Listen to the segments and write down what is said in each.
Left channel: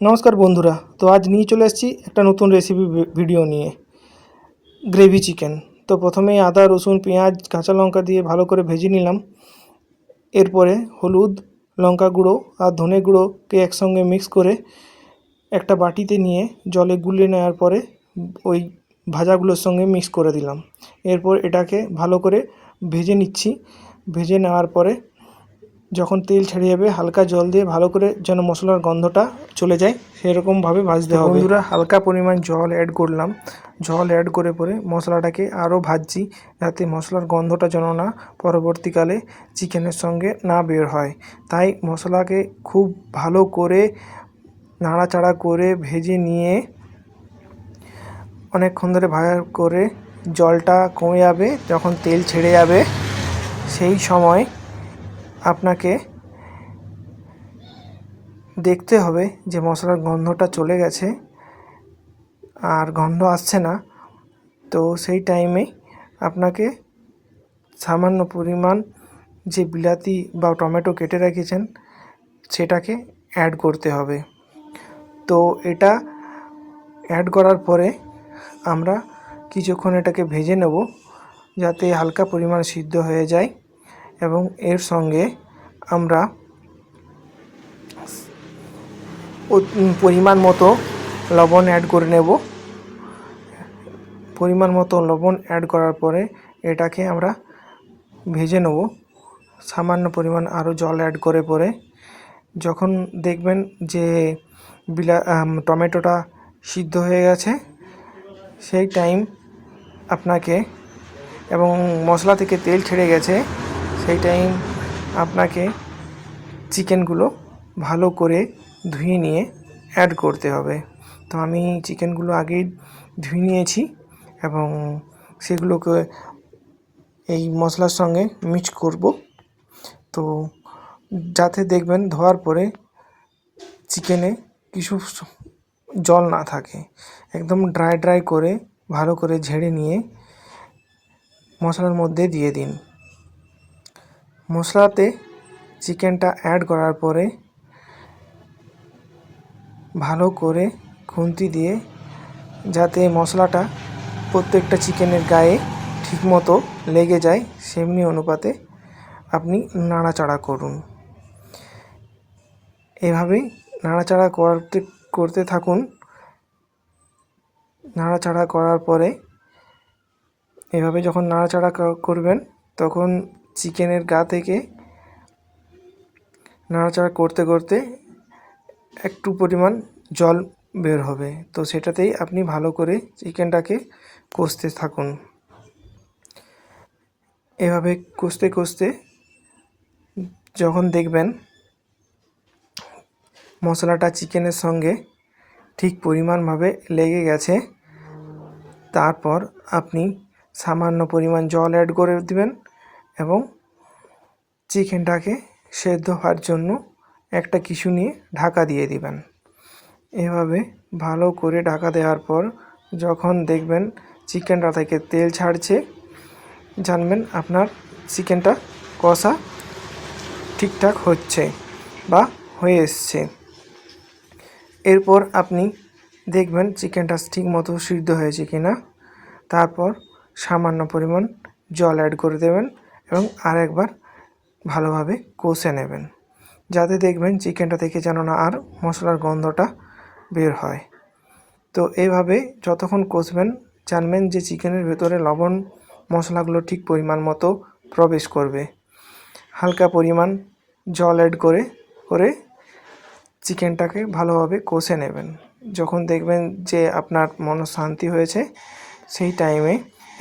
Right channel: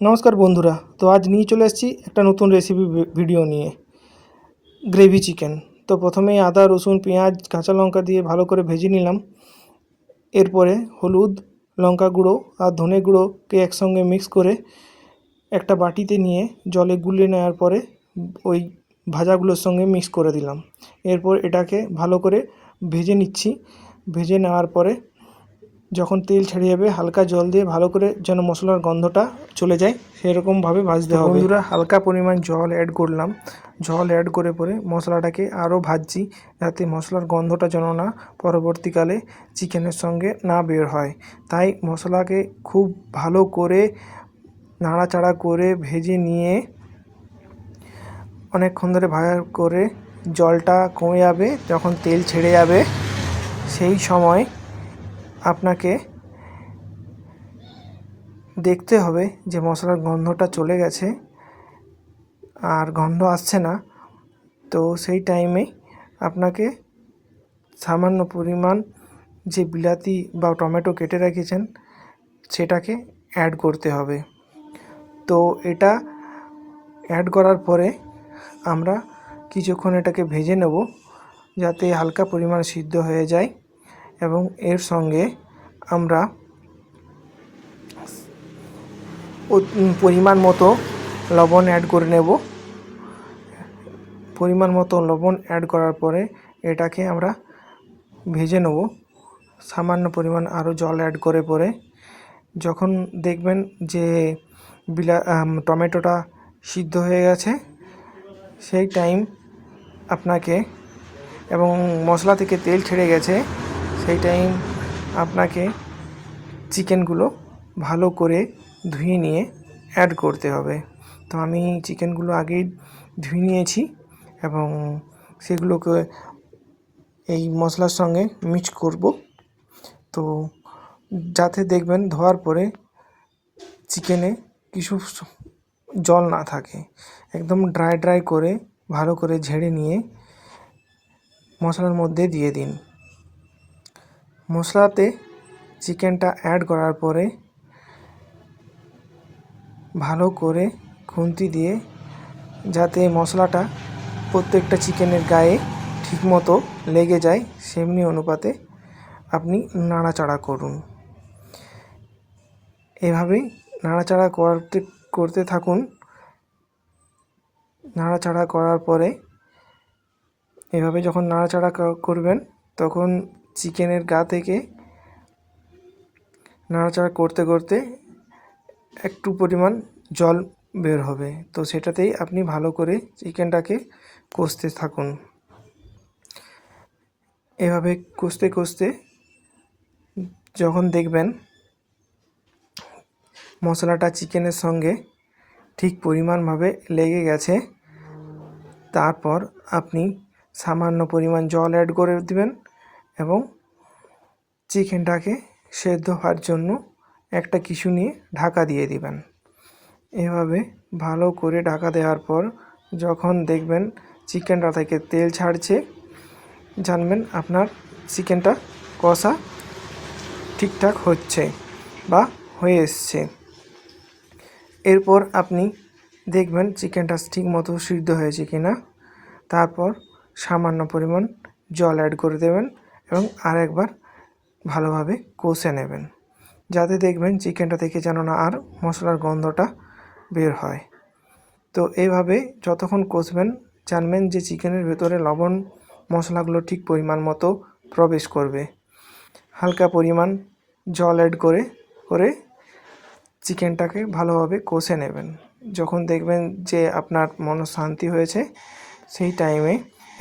নমস্কার বন্ধুরা, তো আজ নিয়ে চলে এসেছি একটা নতুন রেসিপি ভিডিও নিয়ে গ্রেভি চিকেন তো প্রথমেই আদা, রসুন, পেঁয়াজ, কাঁচা লঙ্কা দিয়ে ভালো করে ভেজে নিলাম। এরপরে হলুদ, লঙ্কা গুঁড়ো আর ধনে গুঁড়োকে একসঙ্গে মিক্স করে একটা বাটিতে নিয়ে জলে গুলে নেওয়ার পরে ওই ভাজাগুলোর সঙ্গে মিক্স করে দিলাম। এরপর এটাকে ভালো করে ভেজে নিচ্ছি। ভেজে নেওয়ার পরে যখন তেল ছেড়ে যাবে হালকা জল দিয়ে ভালো করে যেন মশলার গন্ধটা চলে যায় সেরকমভাবে ভাজতে হবে। বন্ধুরা হালকা পরিমাণ জল অ্যাড করলাম। জল অ্যাড করে পরে মশলাটাকে আরও ভাজছি যাতে মশলার গন্ধটা যেন না পরবর্তীকালে চিকেনের সঙ্গে না বের হয়। তাই মশলাকে খুব ভালো করে নাড়াচাড়া করে ভেজে নিয়ে অনেকক্ষণ ধরে ভাজা করে জলটা কমে যাবে যখন তেল ছেড়ে যাবে সেই সময় আপনাকে দেখতে হবে যে মশলার গন্ধটা চলে গেছে আর গন্ধ আসছে না। তো সেই টাইমে আপনাকে সামান্য পরিমাণ যে বিলাতি বা টমেটো কেটে রেখেছেন, সেটাকে অ্যাড করতে হবে। তো এটা অ্যাড করার পরে আমরা কিছুক্ষণ এটাকে ভেজে নেব, যাতে হালকা পরিমাণ সিদ্ধ হয়ে যায়। এবং এর সঙ্গে আমরা পরিমাণ মতো লবণ অ্যাড করে নেব। পরিমাণ মতো লবণ অ্যাড করার পরে এটাকে আমরা ভেজে নেব। সামান্য পরিমাণ আরও জল অ্যাড করে পরে যখন দেখবেন যে বিলা টমেটোটা সিদ্ধ হয়ে গেছে, সেই টাইম আপনাকে এবং মশলা থেকে তেল ছেড়ে গেছে সেই টাইম আপনাকে চিকেনগুলো ভালো করে ধুয়ে নিয়ে অ্যাড করতে হবে। তো আমি চিকেনগুলো আগেই ধুয়ে নিয়েছি এবং সেগুলোকে এই মশলার সঙ্গে মিক্স করব। তো যাতে দেখবেন ধোয়ার পরে চিকেনে কিছু জল না থাকে। একদম ড্রাই ড্রাই করে ভালো করে ঝেড়ে নিয়ে মশলার মধ্যে দিয়ে দিন। মশলাতে চিকেনটা অ্যাড করার পরে ভালো করে খুন্তি দিয়ে যাতে মশলাটা প্রত্যেকটা চিকেনের গায়ে ঠিকমতো লেগে যায়, সেমনি অনুপাতে আপনি নাড়াচাড়া করুন। এভাবেই নাড়াচাড়া করতে করতে থাকুন। নাড়াচাড়া করার পরে এভাবে যখন নাড়াচাড়া করবেন, তখন চিকেনের গা থেকে নাড়াচাড়া করতে করতে একটু পরিমাণ জল বের হবে। তো সেটাতেই আপনি ভালো করে চিকেনটাকে কষতে থাকুন। এভাবে কষতে কষতে যখন দেখবেন মশলাটা চিকেনের সঙ্গে ঠিক পরিমাণভাবে লেগে গেছে, তারপর আপনি সামান্য পরিমাণ জল অ্যাড করে দিবেন। এবং চিকেনটাকে সেদ্ধ হওয়ার জন্য একটা কিছু নিয়ে ঢাকা দিয়ে দিবেন। এভাবে ভালো করে ঢাকা দেওয়ার পর যখন দেখবেন চিকেনটা থেকে তেল ছাড়ছে, জানবেন আপনার চিকেনটা কষা ঠিকঠাক হচ্ছে বা হয়ে এসছে। এরপর আপনি দেখবেন চিকেনটা ঠিক মতো সিদ্ধ হয়েছে কি না তারপর সামান্য পরিমাণ জল অ্যাড করে দেবেন। এবং আরেকবার ভালোভাবে কষে নেবেন, যাতে দেখবেন চিকেনটা থেকে যেন না আর মশলার গন্ধটা বের হয়। তো এইভাবে যতক্ষণ কষবেন, জানবেন যে চিকেনের ভেতরে লবণ মশলাগুলো ঠিক পরিমাণ মতো প্রবেশ করবে। হালকা পরিমাণ জল অ্যাড করে করে চিকেনটাকে ভালোভাবে কষে নেবেন। যখন দেখবেন যে আপনার মন শান্তি হয়েছে, সেই টাইমে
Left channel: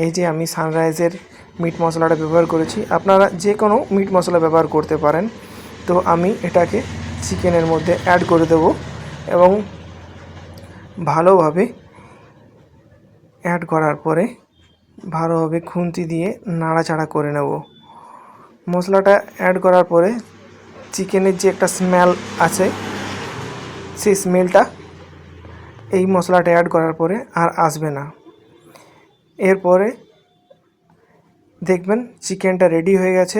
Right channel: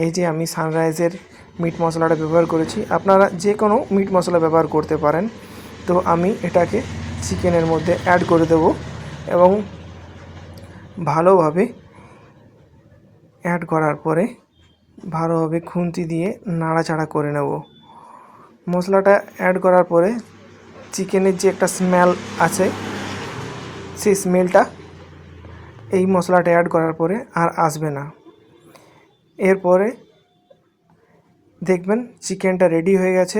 এই যে আমি সানরাইজের মিট মশলাটা ব্যবহার করেছি। আপনারা যে কোনো মিট মশলা ব্যবহার করতে পারেন। তো আমি এটাকে চিকেনের মধ্যে অ্যাড করে দেব এবং ভালোভাবে অ্যাড করার পরে ভালোভাবে খুন্তি দিয়ে নাড়াচাড়া করে নেব। মশলাটা অ্যাড করার পরে চিকেনের যে একটা স্মেল আছে, সেই স্মেলটা এই মশলাটা অ্যাড করার পরে আর আসবে না। এরপরে দেখবেন চিকেনটা রেডি হয়ে গেছে।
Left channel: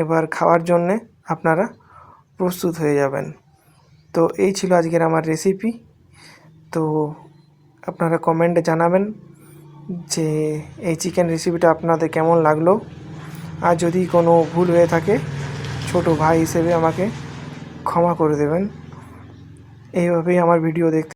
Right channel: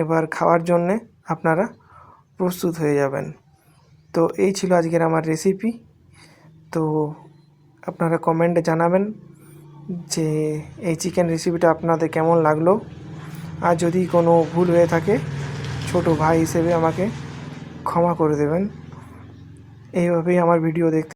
এবার খাওয়ার জন্যে আপনারা প্রস্তুত হয়ে যাবেন। তো এই ছিল আজকের আমার রেসিপি তো আপনারা কমেন্টে জানাবেন যে এই চিকেন রেসিপিটা আপনাদের কেমন লাগল। আর যদি কোনো ভুল হয়ে থাকে, ছোট ভাই হিসেবে আমাকে ক্ষমা করে দেবেন। এইভাবেই আমার ভিডিও দেখতে